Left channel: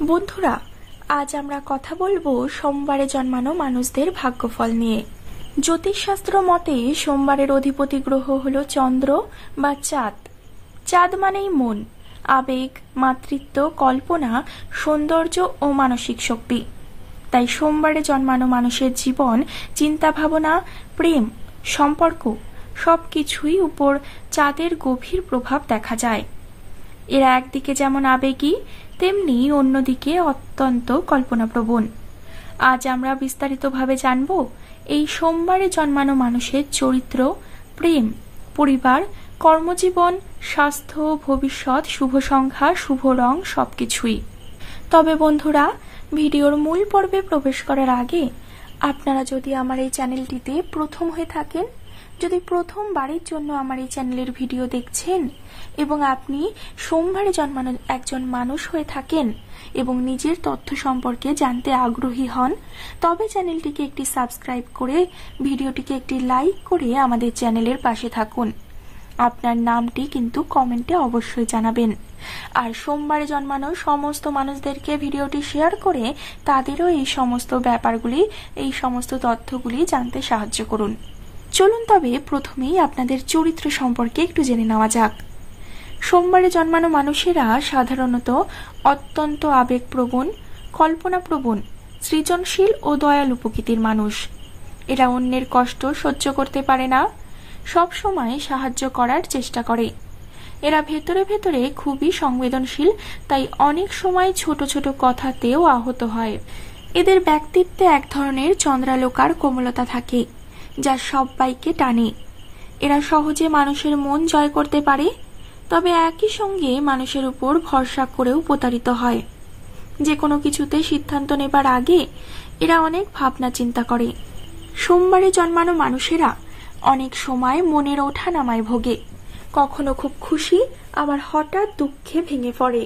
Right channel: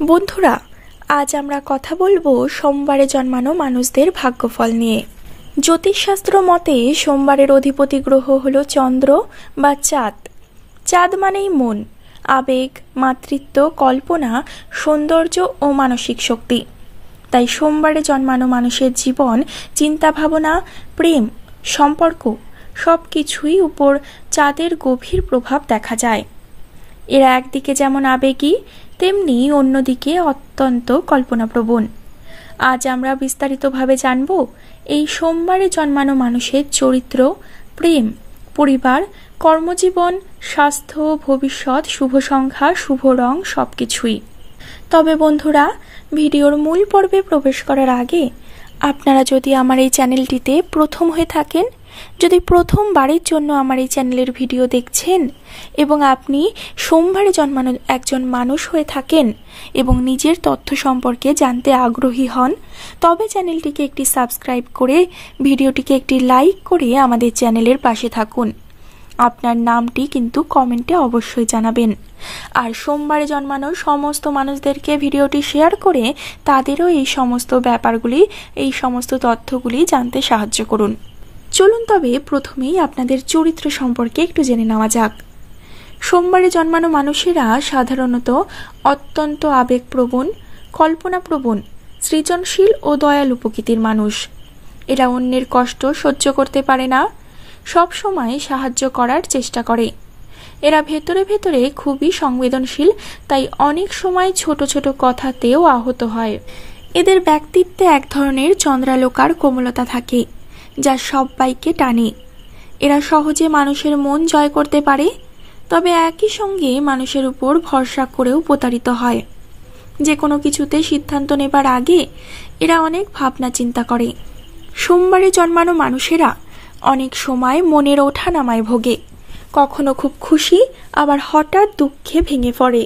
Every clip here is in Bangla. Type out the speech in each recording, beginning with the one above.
বন্ধুরা, আজ আমরা কথা বলবো সোমবারে জন্মানো মানুষদের ভাগ্যফল নিয়ে। জ্যোতিষশাস্ত্র মতে সোমবারের অধিপতি গ্রহ হলো চন্দ্র বা চাঁদ। চাঁদ মানেই মন, আবেগ, মাতৃত্ব, কল্পনা, সৌন্দর্য ও মানসিক শক্তি। তাই সোমবারে জন্মানো মানুষের জীবন, চিন্তা ভাবনা, প্রেম, সম্পর্ক সবকিছুই উপর চাঁদের গভীর প্রভাব দেখা যায়। এরা একদিকে যেমন আবেগী, তেমনি অন্যদিকে অত্যন্ত কল্পনাপ্রবণ। আজ আমরা বিস্তারিতভাবে জানব এই সোমবারে জন্মানো মানুষের চরিত্র, প্রেম, পরিবার, কর্মজীবন, স্বাস্থ্য, ভবিষ্যৎ, শুভ সংখ্যা, শুভ রং সবকিছুই। তবে বন্ধুরা, ভিডিওর মূল পর্বে প্রবেশ করার আগে আপনারা যদি আমার এই চ্যানেলটিতে প্রথম হয়ে থাকেন, যদি প্রথমবারের জন্য আমার এই চ্যানেলের ভিডিও দেখছেন এবং আপনি সোমবারে জন্মানো একজন মানুষ হয়ে থাকেন এবং নিজের তথ্য সম্পর্কে জানতে আগ্রহী হন, তবে চ্যানেলটিকে একটি সাবস্ক্রাইব করে ভিডিওটিকে একটি লাইক করে আমাদের চ্যানেলের পাশে থাকুন। আপনার নামটি কিন্তু কমেন্টে অবশ্যই জানাবেন। আর সোমবারে জন্মানো সমস্ত মানুষদেরকে ভিডিওটি শেয়ার করে তাদেরও এই সমস্ত ব্যাপারগুলি, এই সমস্ত তথ্যগুলি জানতে সাহায্য করুন। চলুন তবে প্রথমেই আপনাদের চরিত্র সম্পর্কে একটু জেনে নেওয়া যাক। সোমবারে জন্মানো মানুষেরা সাধারণত অত্যন্ত আবেগপ্রবণ, কল্পনাপ্রবণ, সৃজনশীল ও দয়ালু প্রকৃতির মানুষ। এরা অন্যের কষ্ট সহ্য করতে পারে না, সব সময় সাহায্য করার চেষ্টা করে। এরা ভেতরে ভেতরে খুবই সংবেদনশীল, তাই অনেক সময় ছোট ছোট কথাতেও আহত হয়। এদের ব্যক্তিত্বে এক ধরনের চন্দ্রালোকার কোমলতা থাকে, যা সবাইকে টানে। এরা সহজে মানুষের মন জয় করতে পারে, তবে একই সঙ্গে মানুষের উপর ভরসা করেও প্রতারিত হয়। যে কোনো কিছুতে সিদ্ধান্ত নেবার আগে এরা অনেক ভাবনা চিন্তা করে। সোমবারে জন্মানো মানুষেরা অনেক সময় মনের ওঠানামায় ভোগে, কখনো খুব খুশি, আবার হঠাৎ দুঃখে ভেঙে পড়ে।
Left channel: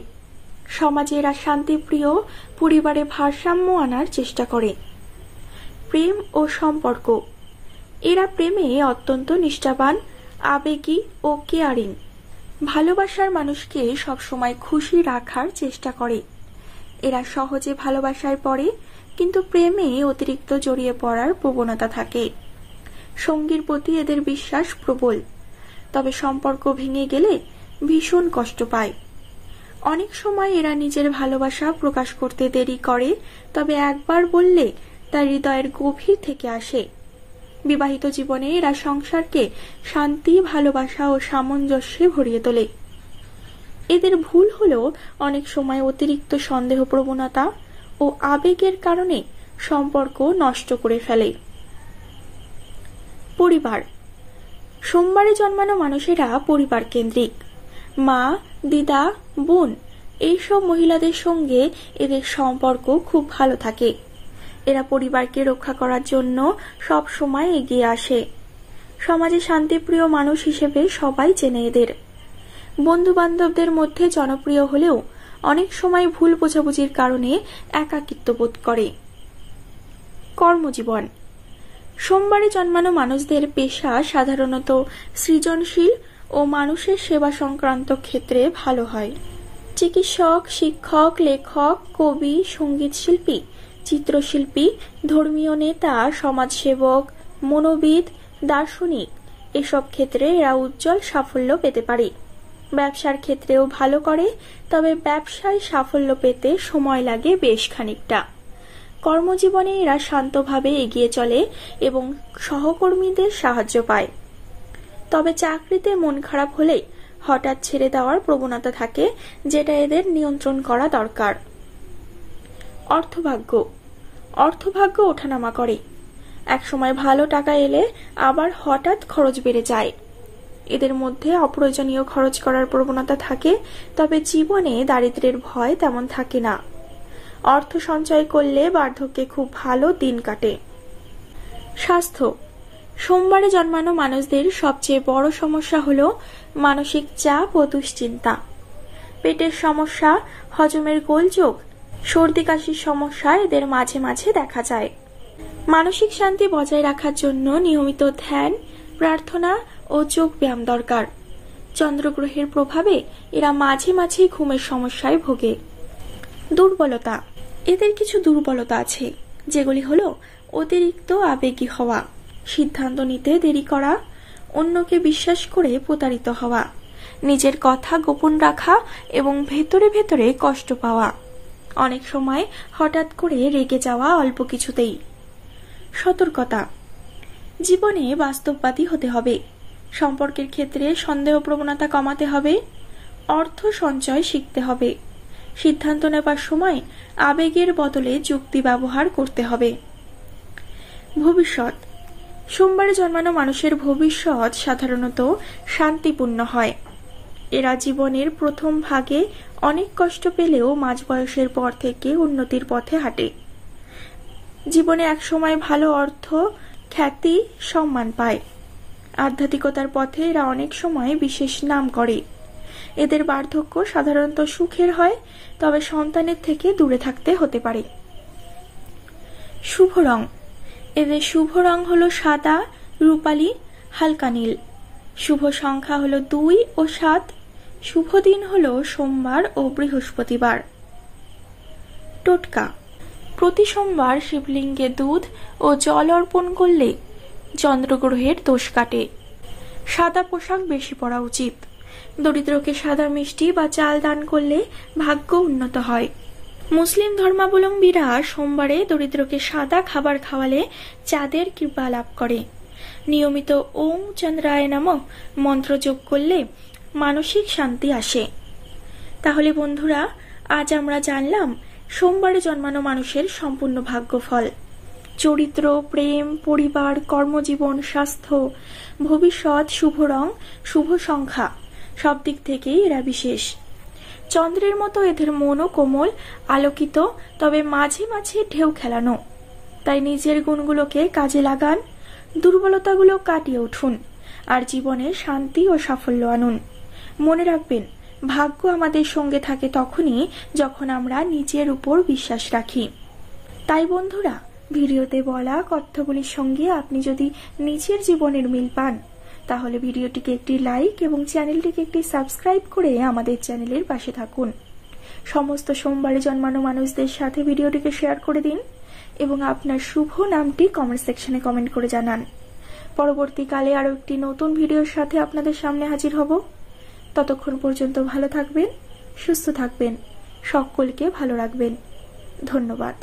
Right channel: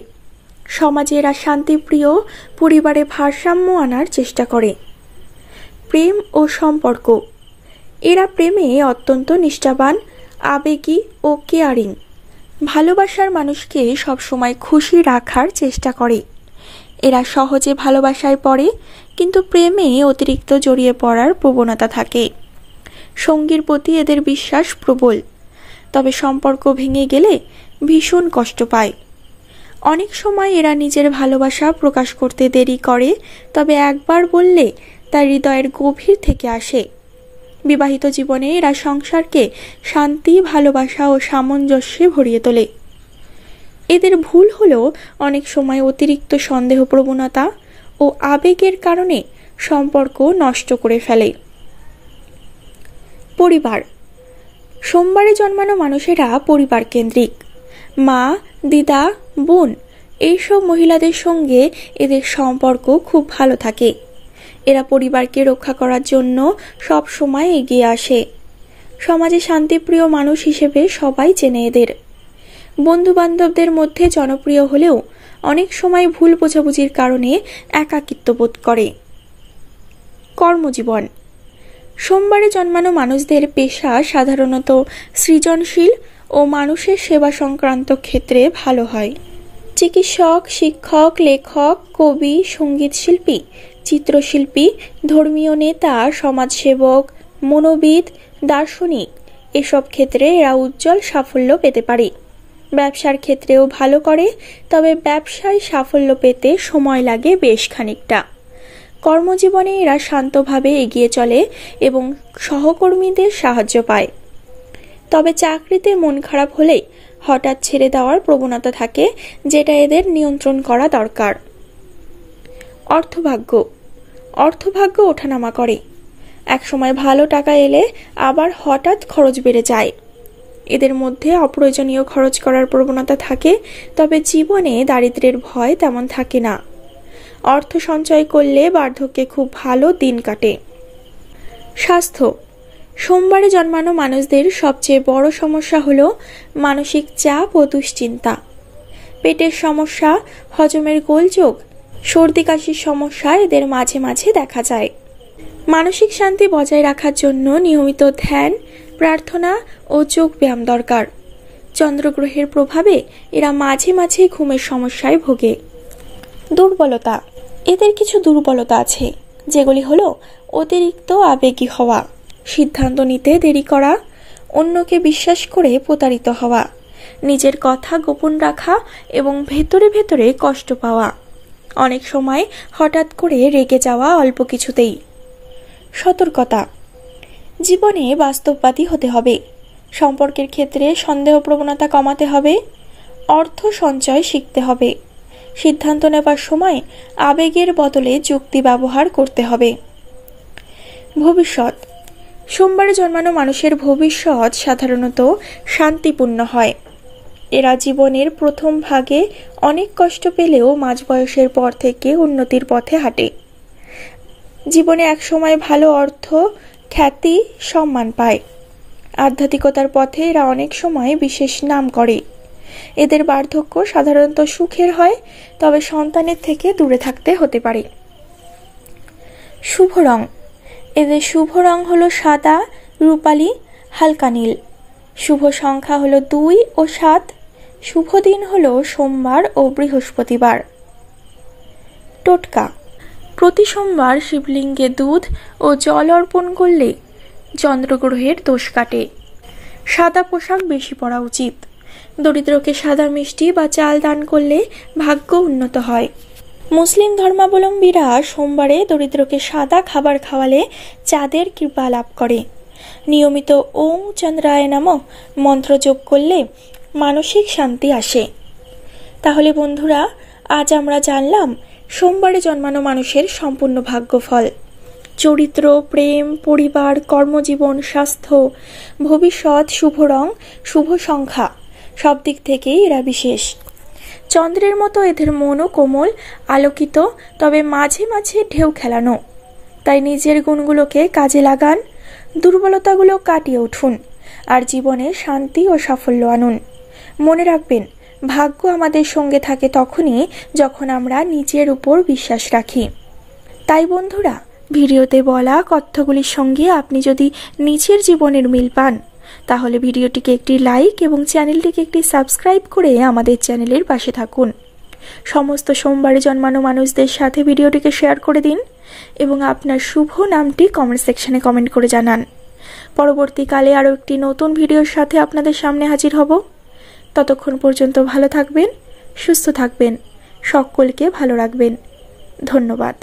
সমাজে এরা শান্তিপ্রিয়, পরিবারে ভারসাম্য আনার চেষ্টা করে। প্রেম ও সম্পর্ক, এরা প্রেমে অত্যন্ত নিষ্ঠাবান, আবেগী ও কেয়ারিং। ভালোবাসার মানুষকে সবসময় খুশি রাখার চেষ্টা করে। এরা সহজে ভালোবাসায় পড়ে, কিন্তু প্রেমে অতিরিক্ত জড়িয়ে পড়ার প্রবণতা থাকে। সঙ্গীর প্রতি এদের বিশ্বাস প্রবল, তবে সম্পর্ক ভেঙে গেলে ভীষণ কষ্ট পায়। অনেক সময় এরা নিজের ভালোবাসা প্রকাশ করতে দেরি করে, তবে একবার বললে তা হৃদয়ের গভীর থেকে আসে। বিবাহিত জীবনে এরা সংসারকে শান্তি, ভালোবাসা ও সামঞ্জস্যে ভরিয়ে তোলে। এদের ভুল হলো অনেক সময় অতিরিক্ত সন্দেহ প্রবণতা ও আবেগের কারণে সম্পর্ক নষ্ট করে ফেলে। পরিবার, সোমবারে জন্মানো মানুষেরা পরিবার কেন্দ্রিক। মা, দিদা, বোন এইসব মহিলাদের সঙ্গে এদের সম্পর্ক খুব ভালো থাকে। এরা পরিবারকে রক্ষা করার জন্য সব সময় এগিয়ে আসে। সমাজে শান্তিপ্রিয় মানুষ হিসেবে সবাই চেনে এদের। বন্ধু বান্ধবদের মধ্যে জনপ্রিয় হলেও অনেক সময় ভুল বোঝাবুঝির কারণে একাকিত্ব বোধ করে। কর্মজীবন, সোমবারে জন্মানো মানুষদের পেশা সাধারণত সৃজনশীল ও মানুষের সেবা সংক্রান্ত ক্ষেত্রে ভালো হয়। চিকিৎসক, শিক্ষক, লেখক, কবি, সঙ্গীত শিল্পী, চিত্রশিল্পী, ধর্মীয় নেতা, সমাজসেবক, মনোবিদ, দার্শনিক এসব ক্ষেত্রে এরা উজ্জ্বল সাফল্য পেতে পারে। ব্যবসার ক্ষেত্রেও ভালো করে, তবে ব্যবসায় সাফল্য পেতে সময় লাগে বেশ খানিকটা। কর্মজীবনে এরা শান্তভাবে এগিয়ে চলে এবং সহকর্মীদের সাহায্য পায়। তবে চাকরিতে মন খারাপ হলে হঠাৎ ছেড়ে দেওয়ার প্রবণতা থাকে, যেটা এদের নিয়ন্ত্রণ করা দরকার। অর্থভাগ্য ওঠানামা করে। একসময় ভালো টাকা এলে আবার হঠাৎ খরচ বেড়ে যায়। এদের মধ্যে অপ্রয়োজনীয় খরচ করার প্রবণতা থাকে, তবে জীবনে দারিদ্র্যের ভয় তেমন থাকে না। অর্থ সঞ্চয় করলে বার্ধক্যে খুব ভালো দিন কাটে। স্বাস্থ্য, সোমবারে জন্মানো মানুষদের সবচেয়ে বড় সমস্যা হলো মানসিক চাপ ও দুশ্চিন্তা। পেটের সমস্যা, হজমের গোলযোগ, সর্দি কাশির সমস্যা এদের মাঝে মাঝে দেখা যায়। মানসিক শান্তি বজায় রাখার জন্য নিয়মিত ধ্যান, প্রার্থনা ও যোগ ব্যায়াম দরকার। চন্দ্রগ্রহের প্রভাবে এরা মাঝে মাঝে ঘুমের সমস্যায় ভোগে। দুর্বলতা। এদের কিছু দুর্বলতা আছে, যেগুলি হলো অতিরিক্ত আবেগী হওয়া, সিদ্ধান্ত নিতে দেরি করা, অন্যকে বিশ্বাস করে প্রতারিত হওয়া, নিজের কথা গোপন রাখা এবং ভেতরে ভেতরে কষ্ট পাওয়া, অনেক সময় হঠাৎ করে রেগে যাওয়া অল্প কিছুতেই। সতর্কতা। জীবনে বাস্তববাদী হতে হবে, সম্পর্কের ক্ষেত্রে সন্দেহ প্রবণতা কমাতে হবে, অর্থ সঞ্চয় শিখতে হবে, সিদ্ধান্ত নেবার সময় আবেগের বদলে যুক্তি ব্যবহার করতে হবে। ভবিষ্যৎ। সোমবারে জন্মানো মানুষের ভবিষ্যৎ সাধারণত শান্তিপূর্ণ হয়। এরা জীবনের প্রথম ভাগে অনেক কষ্ট পেলেও মাঝ বয়সের পর থেকে উন্নতির পথে হাঁটে। জীবনে একসময় ভালো অর্থ, খ্যাতি, সম্মান পায়। আধ্যাত্মিকতার পথে এরা অনেক সময় বিশেষ নাম করে। এদের বার্ধক্য সাধারণত সুখের হয়, তবে সন্তানের থেকে দূরে থাকতে হতে পারে। শুভ রং। এদের শুভ রং হলো সাদা, রূপালী, হালকা নীল। শুভ সংখ্যা হলো 2 ও 7। শুভ দিন হলো সোমবার ও বৃহস্পতিবার। টোটকা। প্রতি সোমবার শিবলিঙ্গে দুধ ও জল অর্পণ করলে চন্দ্রগ্রহের দোষ কাটে। সাদা পোশাক বেশি পরা উচিত। দরিদ্রকে সাদা মিষ্টি বা চাল দান করলে ভাগ্য উন্নত হয়। মুসলিম ধর্মাবলম্বীরা সোমবারে দরিদ্রকে সাদা খাবার খাওয়ালে চাঁদের কৃপা লাভ করে। নিয়মিত ওম চন্দ্রায় নমঃ মন্ত্র যোগ করলে মানসিক শান্তি আসে। তাহলে বন্ধুরা, আজ আমরা জানলাম সোমবারে জন্মানো মানুষের সম্পূর্ণ ভাগ্যফল। চরিত্র, প্রেম, পরিবার, কর্মজীবন, স্বাস্থ্য, ভবিষ্যৎ, শুভ রং, শুভ সংখ্যা সব দিক থেকেই এরা বিশেষ। চন্দ্রের মতো এদের মনও কোমল, আলোকিত, তবে মাঝে মাঝে ঢেউ খেলানো। তাই নিজের গুণগুলোকে কাজে লাগান, দুর্বলতাগুলো কাটিয়ে উঠুন, আর জীবনে শান্তি ও সাফল্য আনুন। মনে রাখবেন, ভাগ্য আমাদের সঙ্গে থাকে তখনই যখন আমরা নিজের উপর বিশ্বাস রাখি। তাই বন্ধুরা, ভিডিওতে বলা তথ্যগুলির সঙ্গে আপনি যদি নিজের জীবনের মিল পান, তাহলে ভিডিওটিকে একটি লাইক এবং চ্যানেলটিকে একটি সাবস্ক্রাইব করে আমাদের চ্যানেলের পাশে থাকুন। সমস্ত সোমবারে জন্মানো মানুষদের সাথে ভিডিওটিকে শেয়ার করে দিন এবং আপনার শুভ নামটি কমেন্ট সেকশনে কমেন্ট করে জানান। পরবর্তীকালে আরও একটি নতুন ভিডিওর সাথে আপনাদের সামনে হাজির হব। ততক্ষণ পর্যন্ত ভালো থাকবেন, সুস্থ থাকবেন, সকলকে ভালো রাখবেন। ধন্যবাদ।